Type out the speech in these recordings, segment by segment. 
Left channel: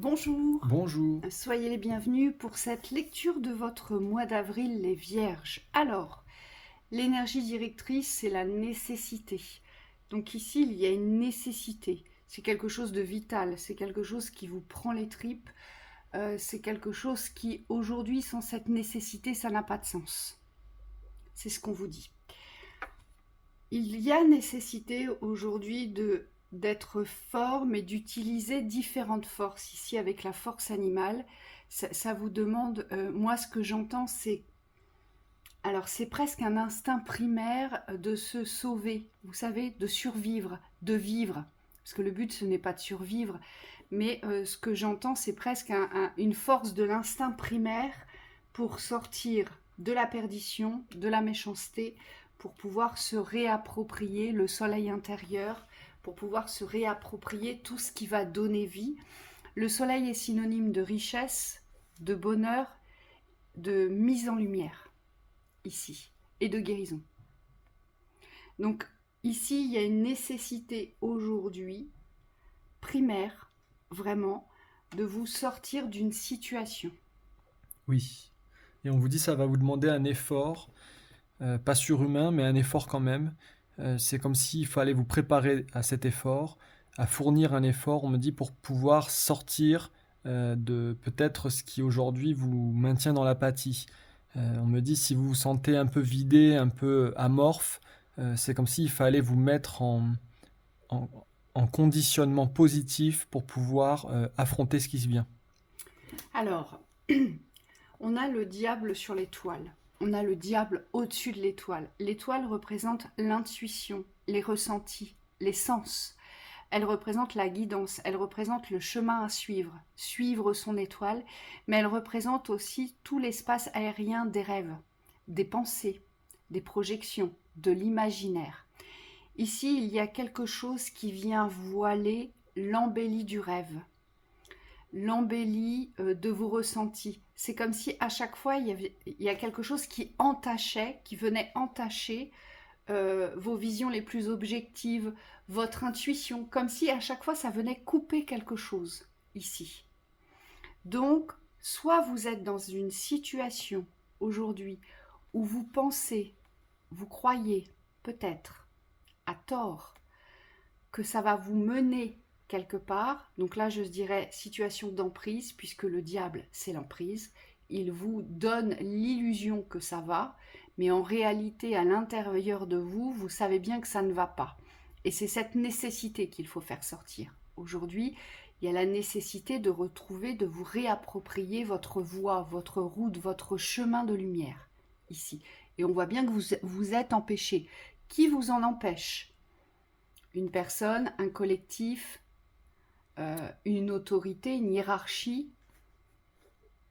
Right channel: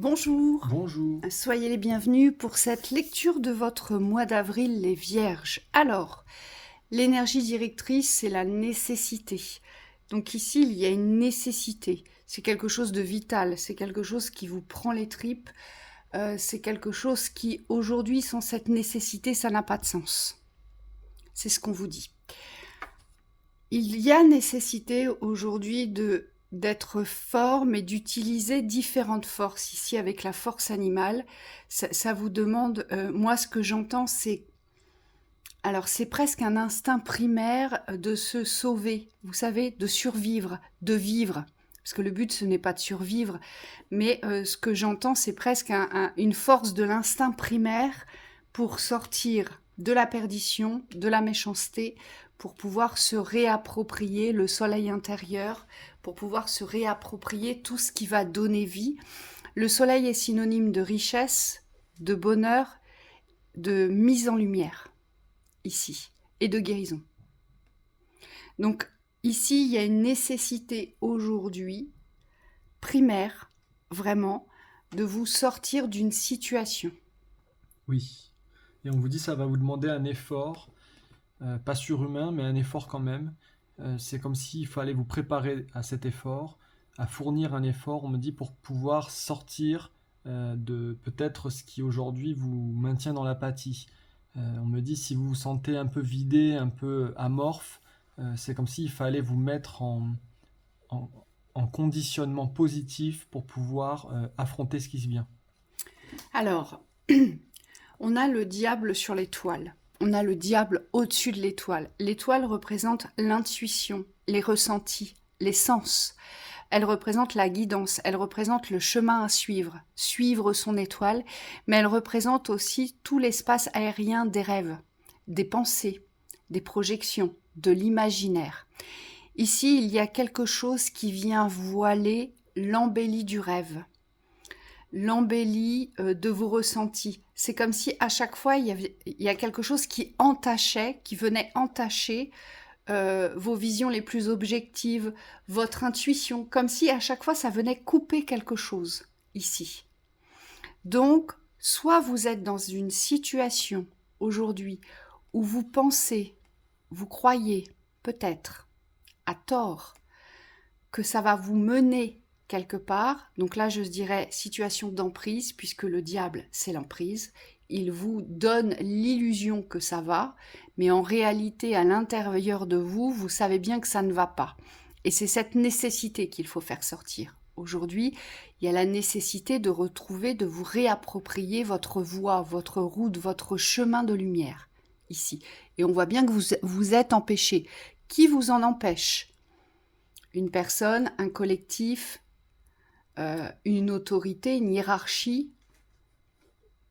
Bonjour, Bonjour. soyez les bienvenus pour cette lecture de votre mois d'avril, les Vierges. Alors, l'énergie directrice, c'est la nécessité. Donc ici, il y a une nécessité. C'est quelque chose de vital, c'est quelque chose qui vous prend les tripes, c'est quelque chose qui, aujourd'hui, sans cette nécessité, ça n'a pas de sens. C'est ce qu'on vous dit. Il y a nécessité aujourd'hui d'être fort, mais d'utiliser différentes forces. Ici, avec la force animale, ça vous demande, moi ce que j'entends, c'est presque un instinct primaire de se sauver, vous savez, de survivre, de vivre. Parce que le but, ce n'est pas de survivre, mais ce que j'entends, c'est presque une force de l'instinct primaire pour sortir de la perdition, de la méchanceté, pour pouvoir se réapproprier le soleil intérieur, pour pouvoir se réapproprier tout ce qui va donner vie. Le soleil est synonyme de richesse, de bonheur, de mise en lumière, ici, et de guérison. Donc, ici, il y a une nécessité aujourd'hui, primaire, vraiment, de vous sortir d'une situation. Oui. Et on vous dit ça va vous demander un effort, pas surhumain, mais un effort quand même. C'est comme s'il fallait vous préparer à cet effort, à fournir un effort, on me dit, pour pouvoir sortir de peut-être ce qui aujourd'hui vous maintient dans l'apathie. On me dit si vous vous sentez un peu vidé, un peu amorphe, c'est comme s'il fallait vous mettre en, en conditionnement positif pour pouvoir affronter ce qui se vient. Alors, on a le diable sur l'étoile. On a le diable au-dessus de l'étoile. L'étoile représente l'intuition, les ressentis, les sens. Elle représente la guidance, elle représente le chemin à suivre, suivre son étoile, mais elle représente aussi tout l'espace aérien des rêves, des pensées, des projections, de l'imaginaire. Ici, il y a quelque chose qui vient voiler l'embellie du rêve, l'embellie de vos ressentis. C'est comme si à chaque fois, il y a quelque chose qui entachait, qui venait entacher vos visions les plus objectives, votre intuition, comme si à chaque fois ça venait couper quelque chose ici. Donc, soit vous êtes dans une situation aujourd'hui où vous pensez, vous croyez peut-être à tort que ça va vous mener quelque part. Donc là, je dirais situation d'emprise, puisque le diable, c'est l'emprise. Il vous donne l'illusion que ça va, mais en réalité, à l'intérieur de vous, vous savez bien que ça ne va pas. Et c'est cette nécessité qu'il faut faire sortir. Aujourd'hui, il y a la nécessité de retrouver, de vous réapproprier votre voie, votre route, votre chemin de lumière, ici. Et on voit bien que vous êtes empêché. Qui vous en empêche? Une personne, un collectif, une autorité, une hiérarchie.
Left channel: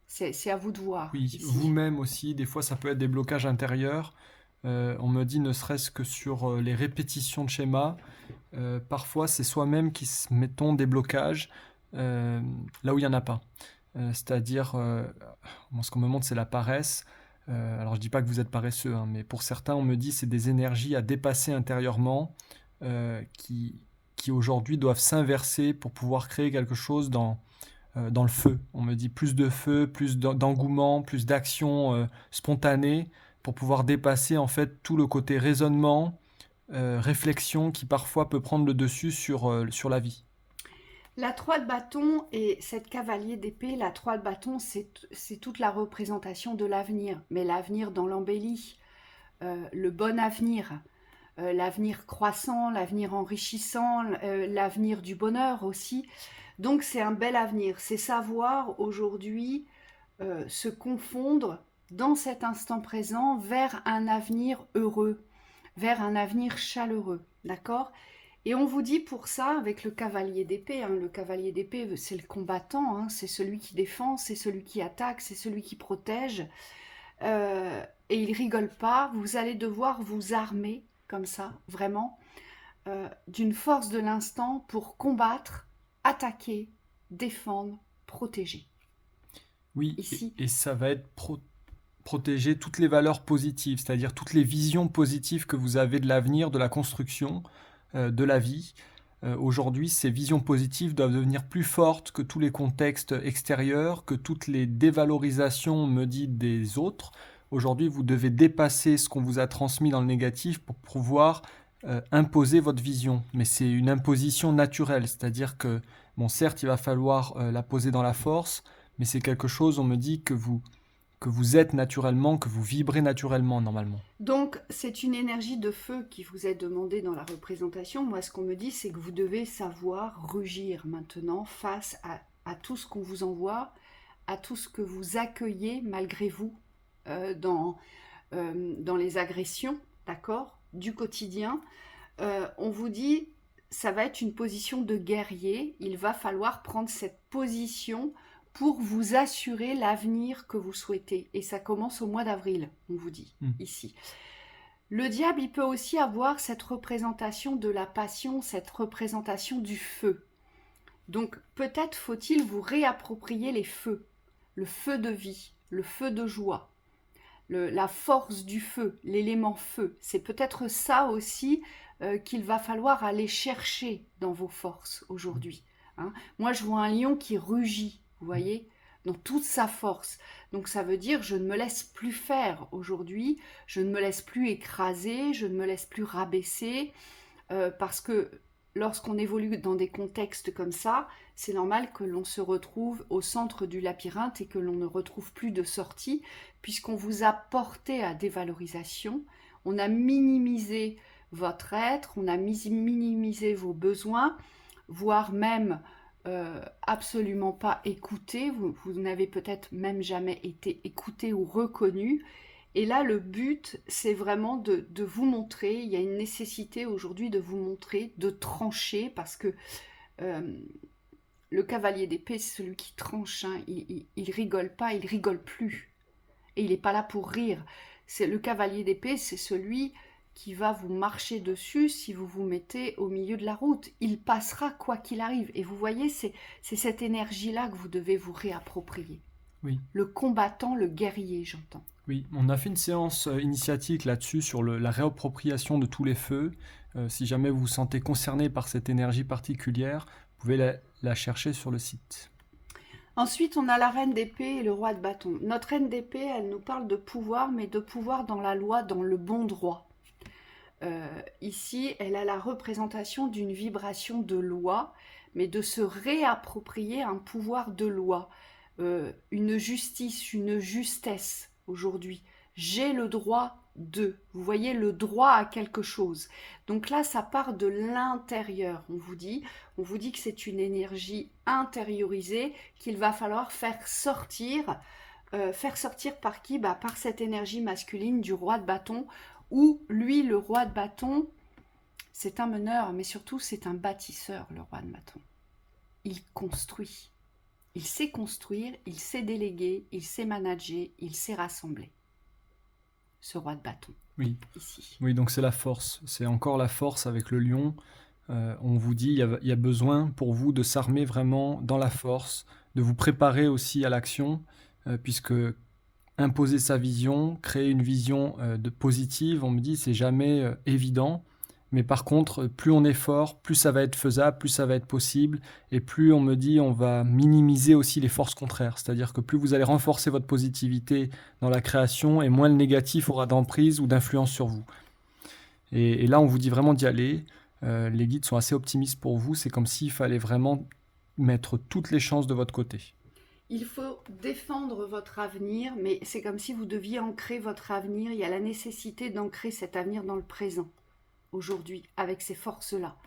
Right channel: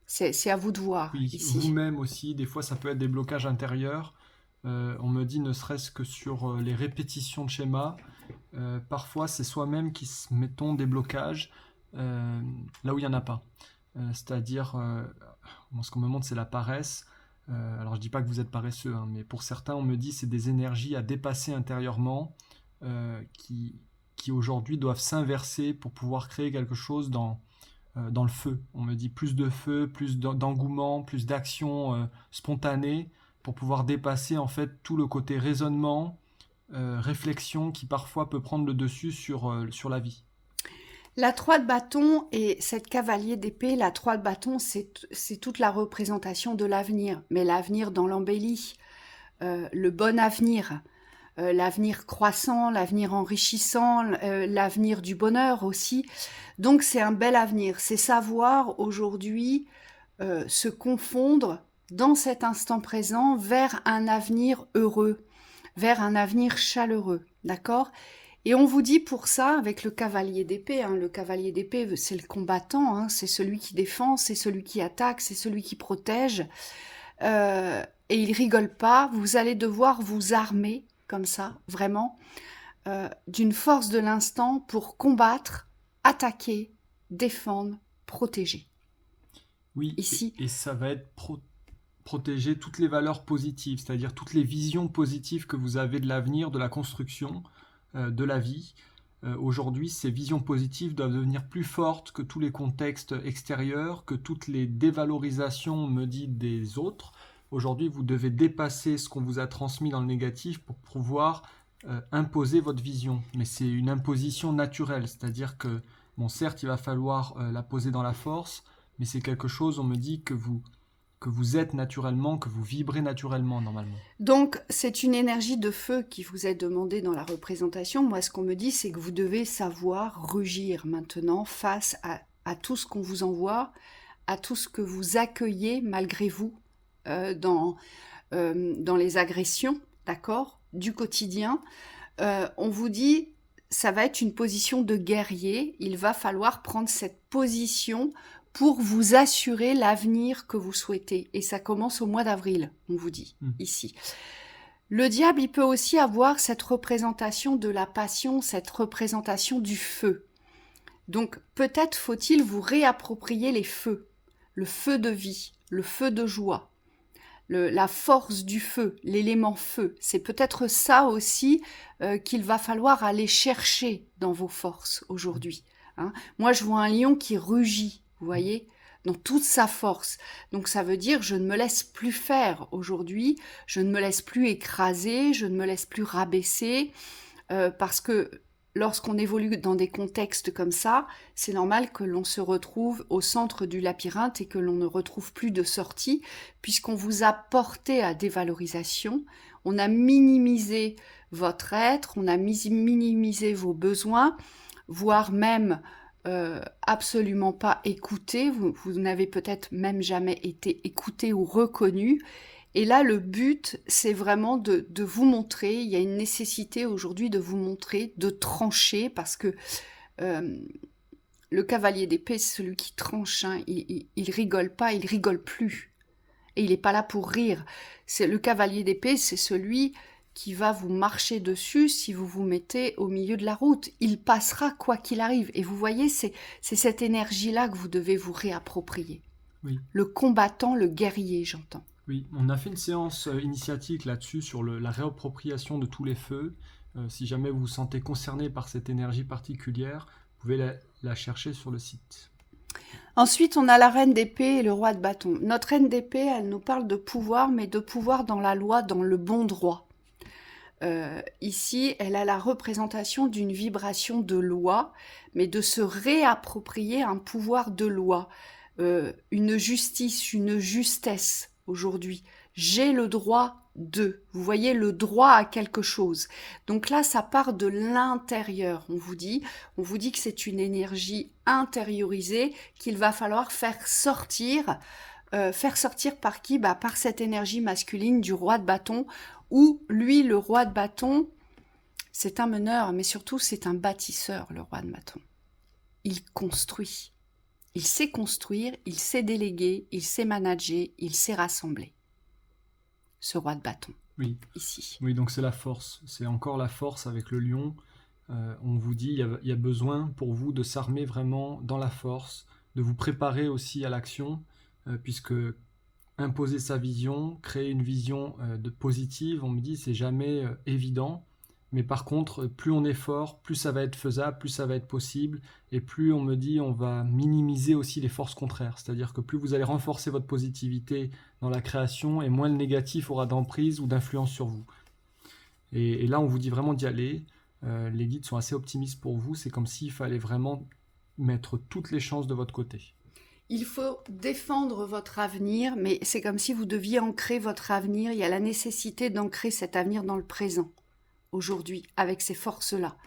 C'est à vous de voir Oui, ici. vous-même aussi, des fois ça peut être des blocages intérieurs. On me dit ne serait-ce que sur les répétitions de schémas, parfois c'est soi-même qui se mettons des blocages euh, là où il n'y en a pas. C'est-à-dire, moi, ce qu'on me montre c'est la paresse. Alors je dis pas que vous êtes paresseux, hein, mais pour certains on me dit c'est des énergies à dépasser intérieurement qui aujourd'hui doivent s'inverser pour pouvoir créer quelque chose dans le feu. On me dit plus de feu, plus d'engouement, plus d'action spontanée pour pouvoir dépasser en fait tout le côté raisonnement, réflexion qui parfois peut prendre le dessus sur la vie. La 3 de bâton et cette cavalier d'épée, la 3 de bâton, c'est toute la représentation de l'avenir, mais l'avenir dans l'embellie, le bon avenir, l'avenir croissant, l'avenir enrichissant, l'avenir du bonheur aussi. Donc c'est un bel avenir, c'est savoir aujourd'hui se confondre dans cet instant présent vers un avenir heureux, vers un avenir chaleureux, d'accord? Et on vous dit pour ça, avec le cavalier d'épée, hein, le cavalier d'épée, c'est le combattant, hein, c'est celui qui défend, c'est celui qui attaque, c'est celui qui protège. Et il rigole pas, vous allez devoir vous armer, comme ça, vraiment, d'une force de l'instant pour combattre, attaquer, défendre, protéger. Oui, Ici, et ça va être protéger toutes les valeurs positives, c'est-à-dire toutes les visions positives que vous avez de l'avenir, de la construction, de la vie. aujourd'hui, ces visions positives doivent devenir plus fortes que tous les contextes extérieurs, que toutes les dévalorisations, on me dit, des autres. Aujourd'hui, vous devez dépasser ce qu'on vous a transmis dans le négatif pour pouvoir imposer votre vision. Mais c'est une imposition naturelle, c'est-à-dire que, bon, certes, il va falloir la poser dans la force, mais c'est quelque chose, on me dit, que vous êtes naturellement, que vous vibrez naturellement normalement. Donc, c'est une énergie de feu qui vous est demandée dans la représentation. Moi, ce qu'on me dit, c'est que vous devez savoir rugir maintenant face à tout ce qu'on vous envoie, à tout ce que vous accueillez malgré vous dans les agressions, d'accord, du quotidien. On vous dit, ça va être une position de guerrier. Il va falloir prendre cette position pour vous assurer l'avenir que vous souhaitez. Et ça commence au mois d'avril, on vous dit, ici. Le diable, il peut aussi avoir cette représentation de la passion, cette représentation du feu. Donc, peut-être faut-il vous réapproprier les feux, le feu de vie, le feu de joie, la force du feu, l'élément feu. C'est peut-être ça aussi qu'il va falloir aller chercher dans vos forces aujourd'hui. Hein. Moi, je vois un lion qui rugit, vous voyez, dans toute sa force. Donc ça veut dire je ne me laisse plus faire aujourd'hui, je ne me laisse plus écraser, je ne me laisse plus rabaisser, parce que lorsqu'on évolue dans des contextes comme ça, c'est normal que l'on se retrouve au centre du labyrinthe et que l'on ne retrouve plus de sortie, puisqu'on vous a porté à dévalorisation, on a minimisé votre être, on a minimisé vos besoins, voire même absolument pas écouté, vous n'avez peut-être même jamais été écouté ou reconnu. Et là, le but, c'est vraiment de vous montrer, il y a une nécessité aujourd'hui de vous montrer, de trancher, parce que le cavalier d'épée, c'est celui qui tranche, hein, il rigole pas, il rigole plus. Et il n'est pas là pour rire. Le cavalier d'épée, c'est celui qui va vous marcher dessus si vous vous mettez au milieu de la route. Il passera quoi qu'il arrive. Et vous voyez, c'est cette énergie-là que vous devez vous réapproprier. Oui. Le combattant, le guerrier, j'entends. Oui, on a fait une séance initiatique là-dessus sur la réappropriation de tous les feux. Si jamais vous vous sentez concerné par cette énergie particulière, vous pouvez la chercher sur le site. Ensuite, on a la reine d'épée et le roi de bâton. Notre reine d'épée, elle nous parle de pouvoir, mais de pouvoir dans la loi, dans le bon droit. Ici, elle a la représentation d'une vibration de loi, mais de se réapproprier un pouvoir de loi, une justice, une justesse aujourd'hui. J'ai le droit de. Vous voyez, le droit à quelque chose. Donc là, ça part de l'intérieur, on vous dit que c'est une énergie intériorisée qu'il va falloir faire sortir par qui ? Par cette énergie masculine du roi de bâton, où lui, le roi de bâton, c'est un meneur, mais surtout c'est un bâtisseur, le roi de bâton. Il construit. Il sait construire, il sait déléguer, il sait manager, il sait rassembler. Ce roi de bâton, oui. Ici. Oui, donc c'est la force. C'est encore la force avec le lion. On vous dit, il y a besoin pour vous de s'armer vraiment dans la force, de vous préparer aussi à l'action, puisque imposer sa vision, créer une vision de positive, on me dit, c'est jamais évident. Mais par contre, plus on est fort, plus ça va être faisable, plus ça va être possible, et plus on me dit, on va minimiser aussi les forces contraires. C'est-à-dire que plus vous allez renforcer votre positivité dans la création, et moins le négatif aura d'emprise ou d'influence sur vous. Et là, on vous dit vraiment d'y aller. Les guides sont assez optimistes pour vous. C'est comme s'il fallait vraiment mettre toutes les chances de votre côté. Il faut défendre votre avenir, mais c'est comme si vous deviez ancrer votre avenir. Il y a la nécessité d'ancrer cet avenir dans le présent, aujourd'hui, avec ces forces-là.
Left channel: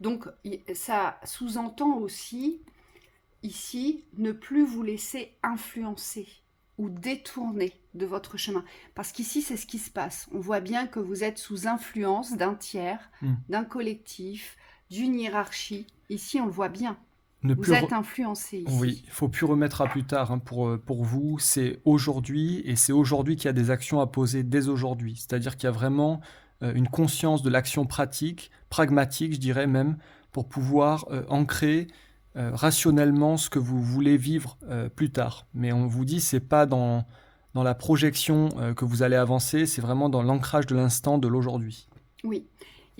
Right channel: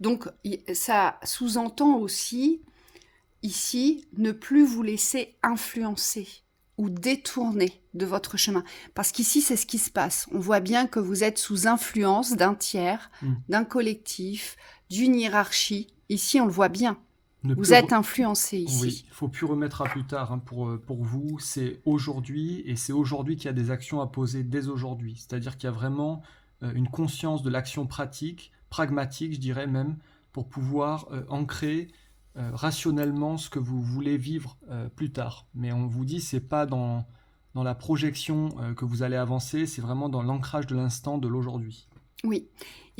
Donc, ça sous-entend aussi, ici, ne plus vous laisser influencer ou détourner de votre chemin. Parce qu'ici, c'est ce qui se passe. On voit bien que vous êtes sous influence d'un tiers, d'un collectif, d'une hiérarchie. Ici, on le voit bien. Vous êtes influencé ici. Oui, il ne faut plus remettre à plus tard hein, pour vous. C'est aujourd'hui, et c'est aujourd'hui qu'il y a des actions à poser dès aujourd'hui. C'est-à-dire qu'il y a vraiment une conscience de l'action pratique, pragmatique, je dirais même, pour pouvoir ancrer rationnellement ce que vous voulez vivre plus tard. Mais on vous dit, c'est pas dans la projection que vous allez avancer, c'est vraiment dans l'ancrage de l'instant, de l'aujourd'hui. Oui.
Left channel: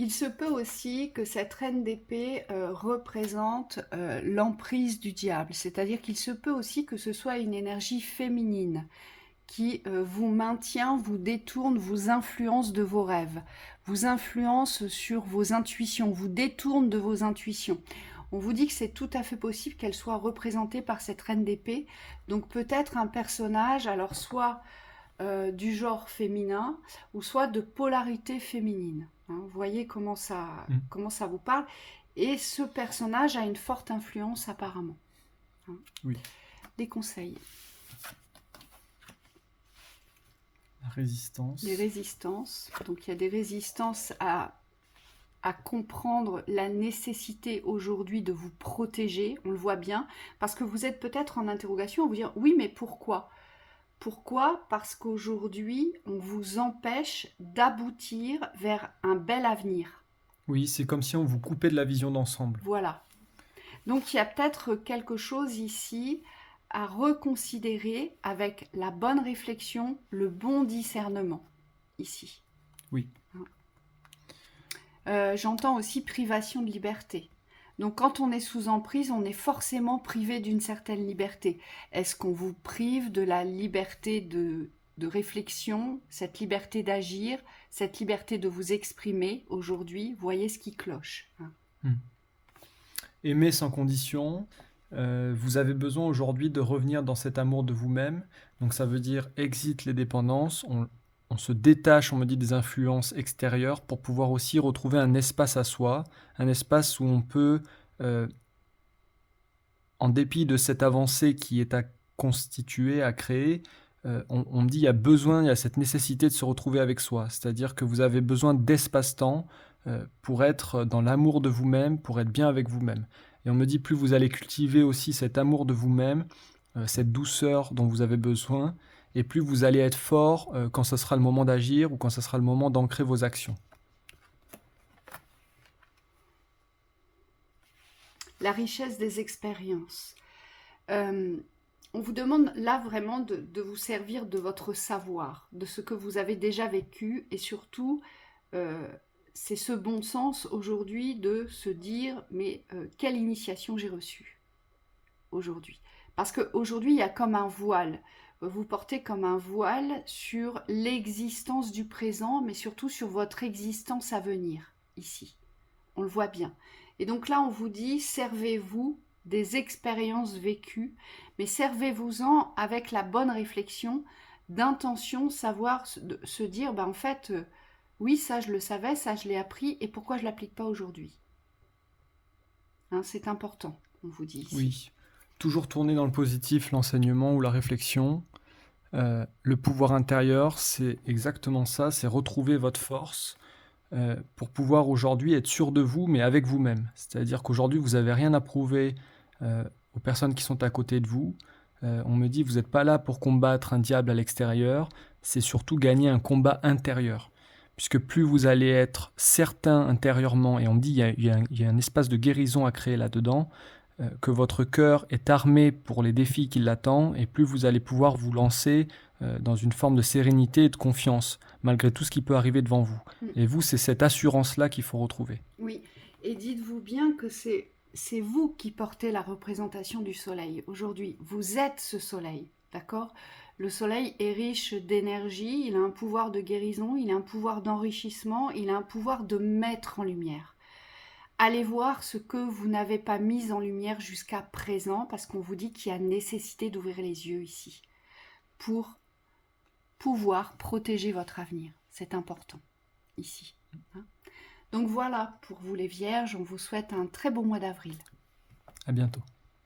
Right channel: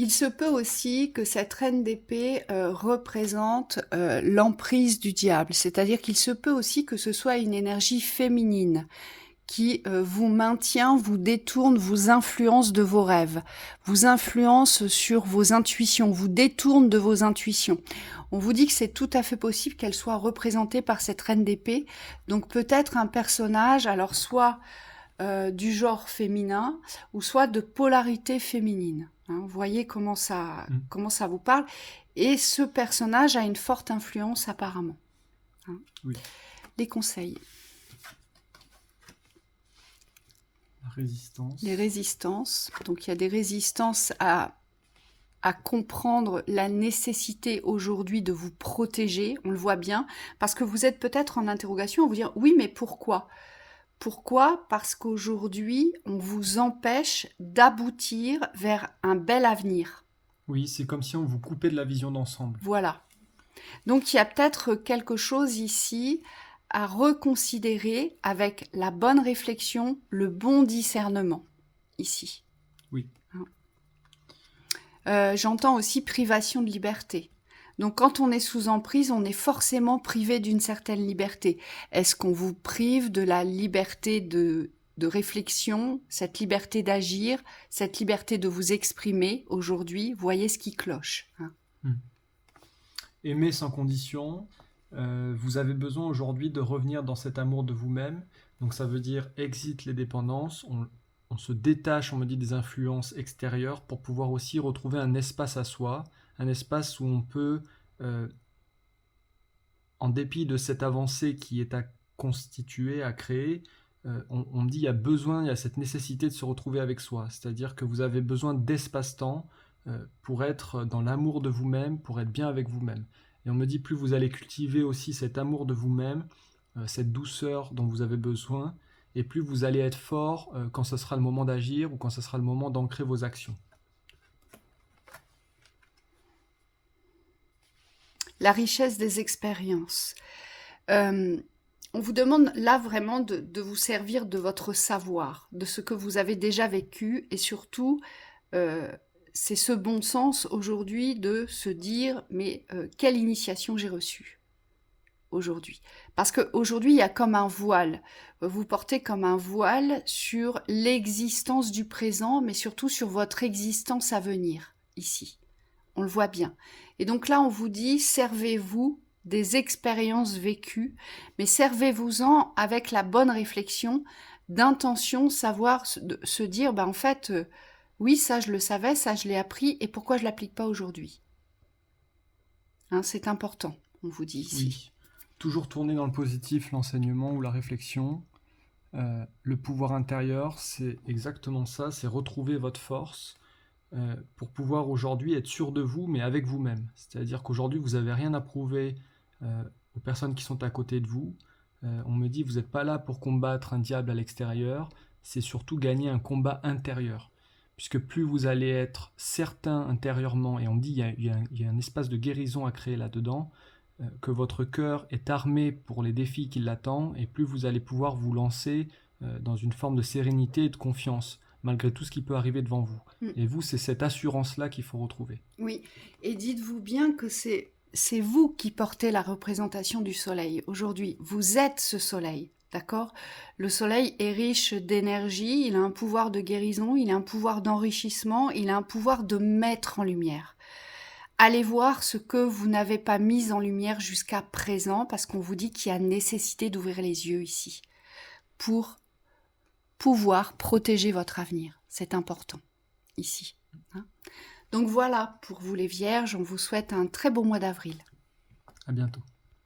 Il se peut aussi que cette reine d'épée représente l'emprise du diable, c'est-à-dire qu'il se peut aussi que ce soit une énergie féminine qui vous maintient, vous détourne, vous influence de vos rêves, vous influence sur vos intuitions, vous détourne de vos intuitions. On vous dit que c'est tout à fait possible qu'elle soit représentée par cette reine d'épée, donc peut-être un personnage, alors soit du genre féminin, ou soit de polarité féminine. Hein. Vous voyez comment ça vous parle. Et ce personnage a une forte influence apparemment. Hein. Oui. Les conseils. La résistance. Les résistances. Donc il y a des résistances à comprendre la nécessité aujourd'hui de vous protéger, on le voit bien, parce que vous êtes peut-être en interrogation à vous dire « oui, mais pourquoi ?» Pourquoi ? Parce qu'aujourd'hui, on vous empêche d'aboutir vers un bel avenir. Oui, c'est comme si on vous coupait de la vision d'ensemble. Voilà. Donc il y a peut-être quelque chose ici à reconsidérer avec la bonne réflexion, le bon discernement, ici. Oui. J'entends aussi privation de liberté. Donc quand on est sous emprise, on est forcément privé d'une certaine liberté. Est-ce qu'on vous prive de la liberté de réflexion, cette liberté d'agir, cette liberté de vous exprimer aujourd'hui? Voyez ce qui cloche. Hein. Aimer sans condition. Vous avez besoin aujourd'hui de revenir dans cet amour de vous-même. Donc ça veut dire exit les dépendances. On se détache, on me dit, des influences extérieures pour pouvoir aussi retrouver un espace à soi, un espace où on peut, en dépit de cette avancée qui est à constituer, à créer, on me dit il y a besoin, il y a cette nécessité de se retrouver avec soi. C'est-à-dire que vous avez besoin d'espace-temps pour être dans l'amour de vous-même, pour être bien avec vous-même. Et on me dit plus vous allez cultiver aussi cet amour de vous-même, cette douceur dont vous avez besoin, et plus vous allez être fort quand ce sera le moment d'agir ou quand ce sera le moment d'ancrer vos actions. La richesse des expériences. On vous demande là vraiment de vous servir de votre savoir, de ce que vous avez déjà vécu, et surtout, c'est ce bon sens aujourd'hui de se dire, mais quelle initiation j'ai reçue aujourd'hui? Parce qu'aujourd'hui, il y a comme un voile. Vous portez comme un voile sur l'existence du présent, mais surtout sur votre existence à venir, ici. On le voit bien. Et donc là, on vous dit, servez-vous des expériences vécues, mais servez-vous-en avec la bonne réflexion, d'intention, savoir se dire, en fait, oui, ça je le savais, ça je l'ai appris, et pourquoi je ne l'applique pas aujourd'hui? Hein, c'est important, on vous dit ici. Oui, toujours tourner dans le positif, l'enseignement ou la réflexion. Le pouvoir intérieur, c'est exactement ça, c'est retrouver votre force pour pouvoir aujourd'hui être sûr de vous, mais avec vous-même. C'est-à-dire qu'aujourd'hui, vous n'avez rien à prouver aux personnes qui sont à côté de vous. On me dit, vous n'êtes pas là pour combattre un diable à l'extérieur, c'est surtout gagner un combat intérieur. Puisque plus vous allez être certain intérieurement, et on me dit, il y a un espace de guérison à créer là-dedans, que votre cœur est armé pour les défis qui l'attendent, et plus vous allez pouvoir vous lancer dans une forme de sérénité et de confiance, malgré tout ce qui peut arriver devant vous. Et vous, c'est cette assurance-là qu'il faut retrouver. Oui, et dites-vous bien que c'est vous qui portez la représentation du soleil aujourd'hui. Vous êtes ce soleil, d'accord? Le soleil est riche d'énergie, il a un pouvoir de guérison, il a un pouvoir d'enrichissement, il a un pouvoir de mettre en lumière. Allez voir ce que vous n'avez pas mis en lumière jusqu'à présent, parce qu'on vous dit qu'il y a nécessité d'ouvrir les yeux ici, pour pouvoir protéger votre avenir. C'est important, ici. Hein. Donc voilà, pour vous les Vierges, on vous souhaite un très beau mois d'avril. À bientôt.